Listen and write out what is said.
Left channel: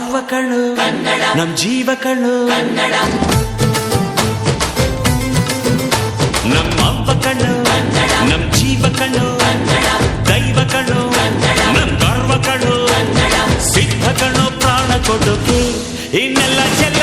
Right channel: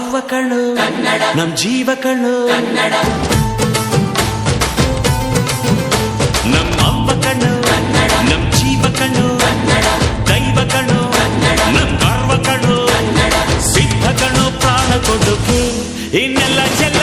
ಕಣ್ಣು ನಮ್ ಜೀವ ಕಣು. ನಮ್ ಅವ್ವ ಕಣ್ಣು ನಮ್ ಜೀವ ಕಣ್ಣು ದೈವ ಕಣು, ನಮ್ ಗರ್ವ ಕಣ್ಣು ಸಿದ್ಧ ಕಣು, ಪ್ರಾಣ ಕೊಡುಗೆ. ಇನ್ನೆಲ್ಲ ಚೆಲ್ಲ